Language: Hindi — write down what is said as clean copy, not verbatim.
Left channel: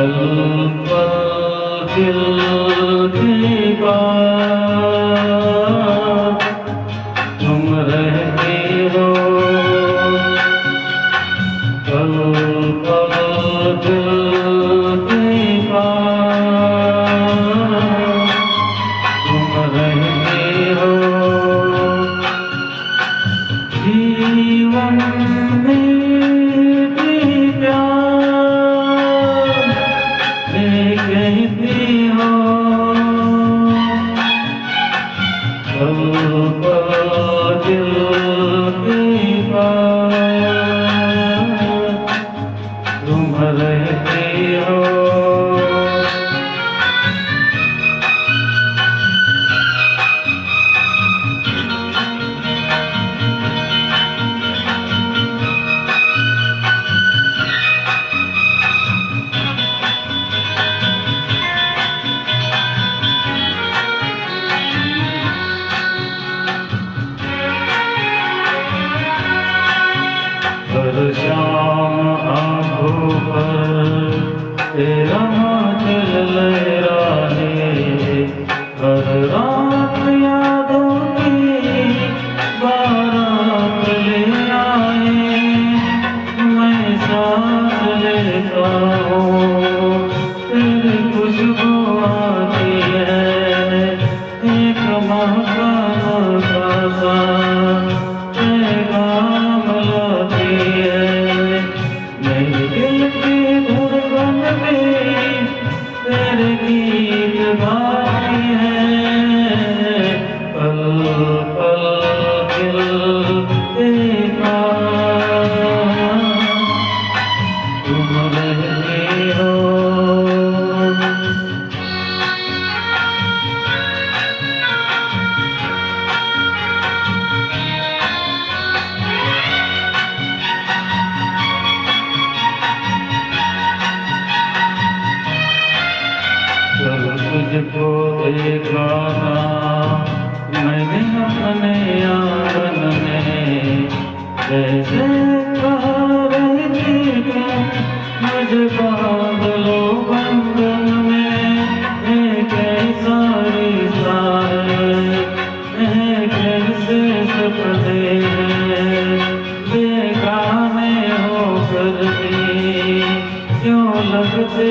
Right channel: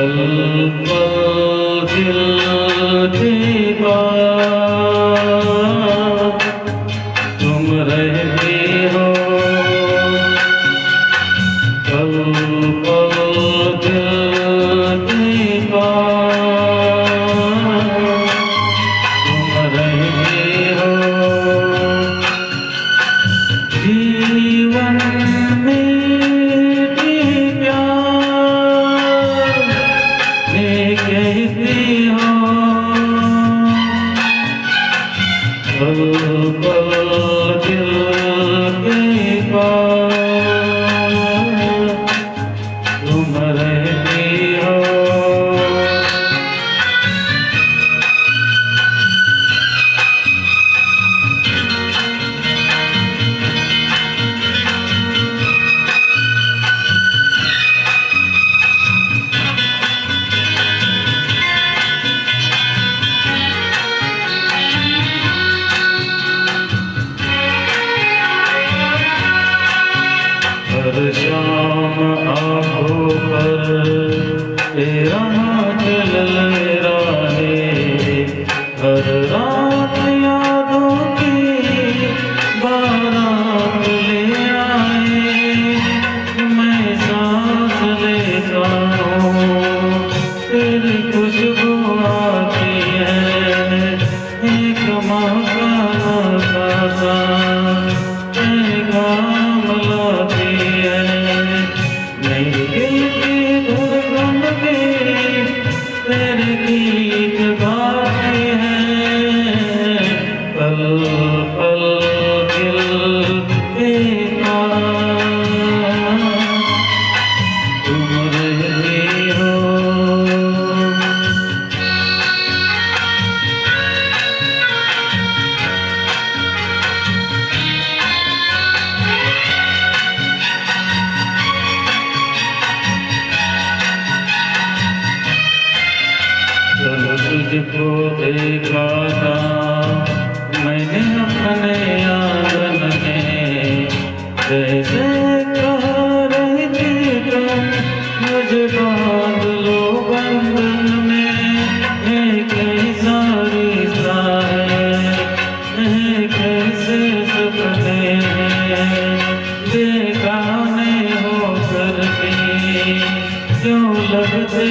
पल पल दिल की बात तुम रहती हो, पल पल दिल की बात तुम रहती हो। जीवन में कहती हो, पल पल दिल की बात तुम रहती हो। हर शाम आँखों पर तेरा हाथ लहराए, हर रात यादों की बारात ले आए। मैं सांस लेता हूँ तेरी खुशबू आती है, एक मौका नफासा पैगाम लाती है। मेरे दिल की धड़कन में तेरे गीत गाती है, पल पल दिल के पास तुम रहती हो। जब तुझको देखा था मैंने अपने आंगन में, कैसे कह रही थी तुम मुझे बांध लो बंधन में। ये कैसा रिश्ता है, कैसे सपने बेगाने होकर भी क्यों लगते